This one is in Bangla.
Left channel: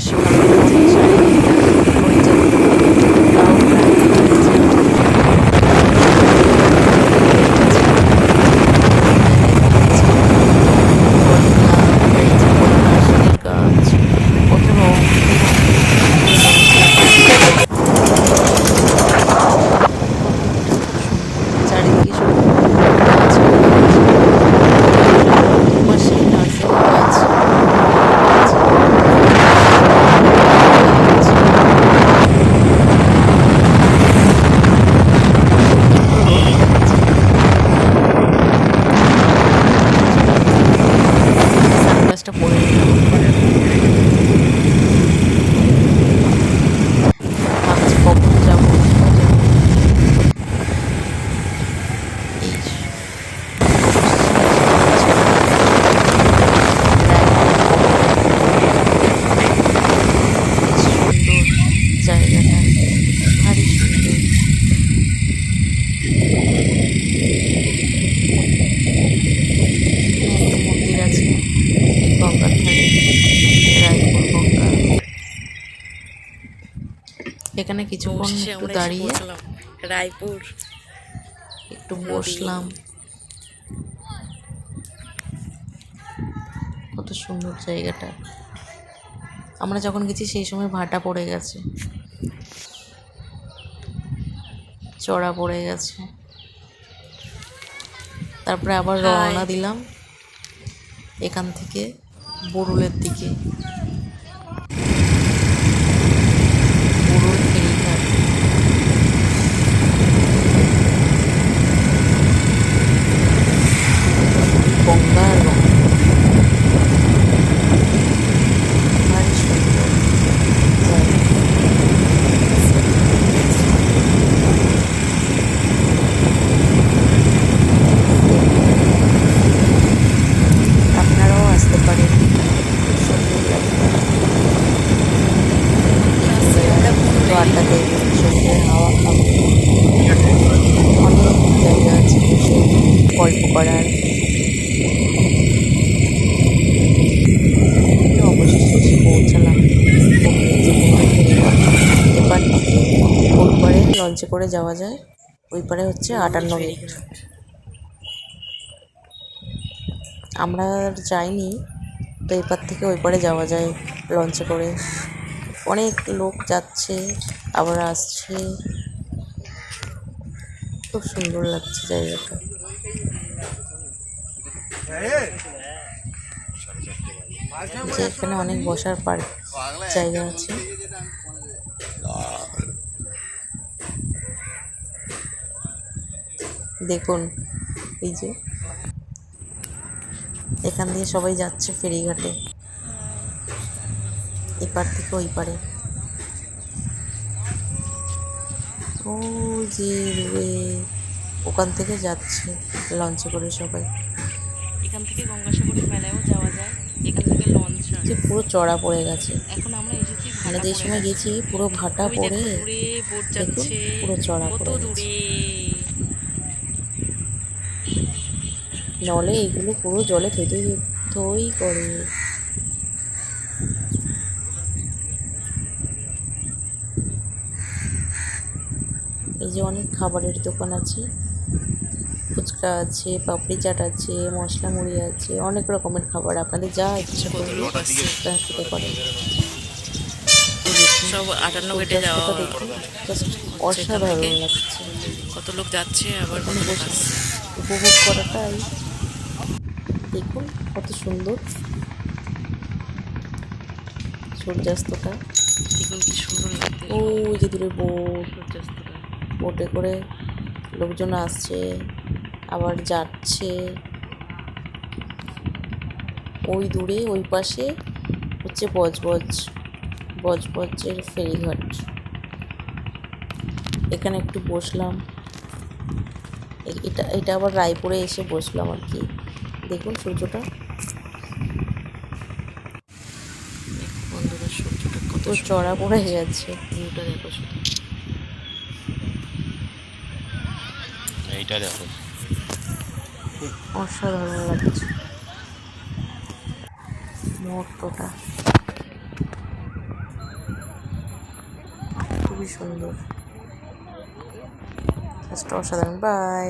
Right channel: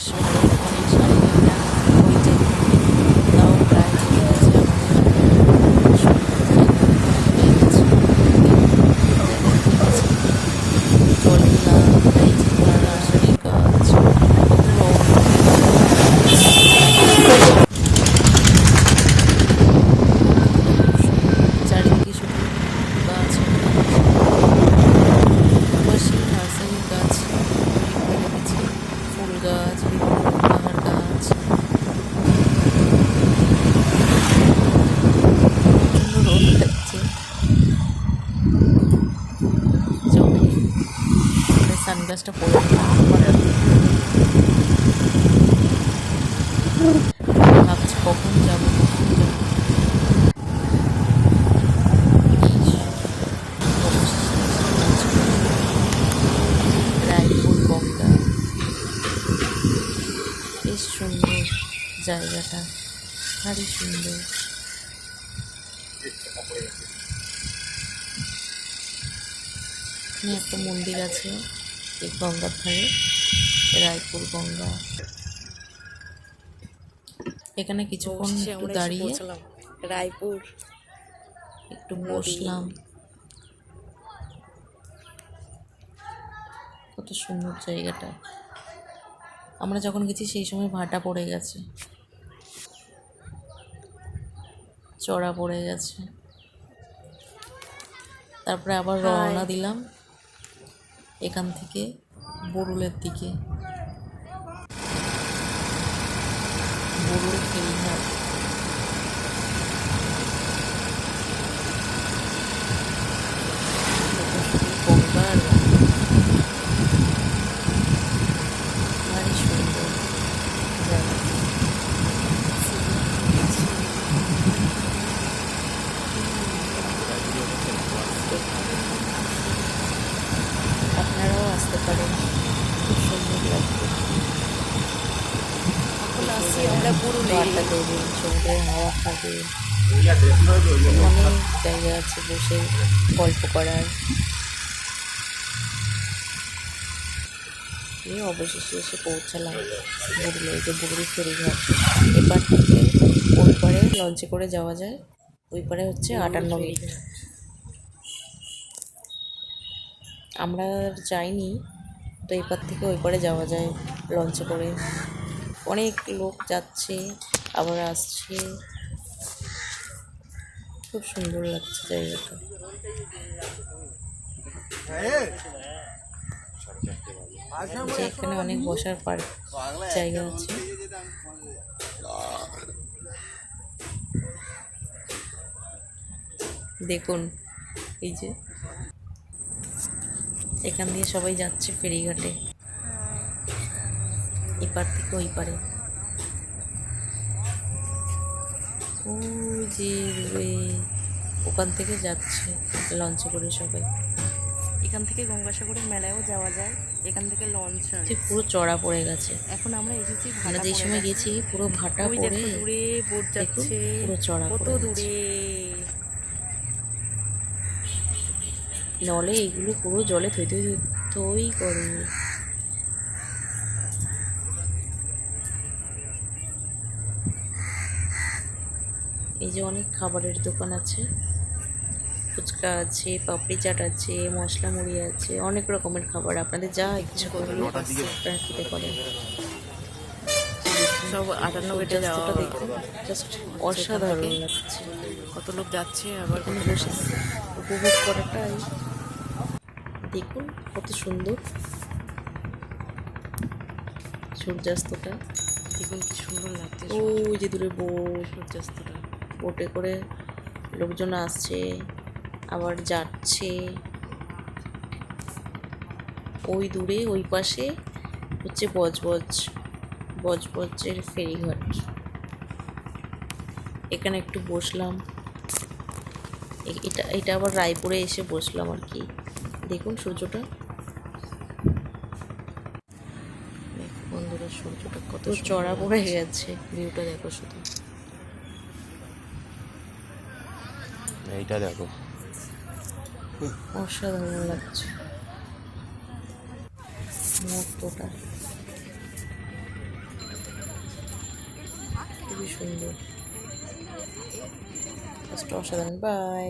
বেশ ভালো ওই তাও প্রায় গাছ কত রং চারিদিকে শুধু গাছ পাশে নার্সারি গাছ সানগ্লাসটা পরে ভাবছি কখন যাবো জায়গাটা ভারী সুন্দর। একটা মন্দির আছে গঙ্গার ধারে, রায়পুর গঙ্গা। এখানে কিছুক্ষণ একটু দাঁড়িয়ে রায়পুর একটু বসলাম। কত সুন্দর জায়গাটা। আমরা যখন গেছি সেই সময় ভাটা পড়ে গেছে, চড়া পড়ে গেছে। তারপরে আবার রওনা দিলাম এখান থেকে বরুলের দিকে। বরুল ফেরিঘাট। গঙ্গা আর গঙ্গা, ভারী সুন্দর জায়গা। আপনারাও আসতে পারেন, খুব সুন্দর লাগবে। আড্ডা দেবে, সমুদ্রের হাওয়া খাবে, অনেক জায়গা আছে বসে গল্প করার। অবশেষে পৌঁছালাম এপার থেকে ওই পারে লঞ্চে করে যাওয়া যায়, ওই পারে হচ্ছে 58 মিনিট। আমরা যাইনি, তো এপার থেকে ওই পারে যাওয়া যায় লঞ্চে করে। অনেক লোক যাচ্ছে আবার আসছে, খুব সুন্দর লাগছে জায়গাটা। যে এখানে অনেক বসার পার্ক জায়গা আছে। দেখুন এই যে এখান দিয়ে সবাই যাচ্ছে ফেরিঘাটে, এপার থেকে ওই পারে। ও যে ওখান থেকে যাচ্ছে লঞ্চে করে সবাই। এখান থেকে গঙ্গাসাগরের মেলায়ও যাওয়া যায়, এখান থেকে লঞ্চ যে পুরো চড়া পড়ে গেছে। এখন আমরা এসেছি আমরা যে সময় গেছি পুরো ভাটা পড়ে দূরে বোট যাচ্ছে, পুরো চড়া কত পড়ে দূরে। নলে এগুলো পুরো জলে থই থই থই করে। এই যে অনেক খাবারের দোকান আছে, ফুচকা আছে, পাপড়ি চাট আছে, মশলা মুড়ি আছে, অনেক রকমের খাবার। আপনাদের যা ইচ্ছা করলে আপনারা খেতে পারেন। সব 58 গেটে যাওয়া, জাস্ট অসাধারণ লাগছে। কত লোক যাচ্ছে আবার এখানে বসে উপভোগ করাটাই দেখুন কত সুন্দর সূর্যাস্তটা। দেখুন কি সুন্দর লাগছে ওই যে দূরে বোট, সূর্যাস্তটা। বোটে করে লোকজন আসছে আবার যাচ্ছে। ওই দূরে ওই পাশে হচ্ছে বজবজের ফেরিঘাট। এখানে একটু বসলাম, এটা আবার রায়পুরে এসে বসলাম আর কি। দেখুন সূর্যটা, বন্ধুরা সূর্যটা কত চড়া পড়ে গেছে। ভিউটা দেখো শুধু, এইটা দেখো অসাধারণ লাগছে মুহূর্তটা। সুন্দর, জাস্ট অসাধারণ। বাই।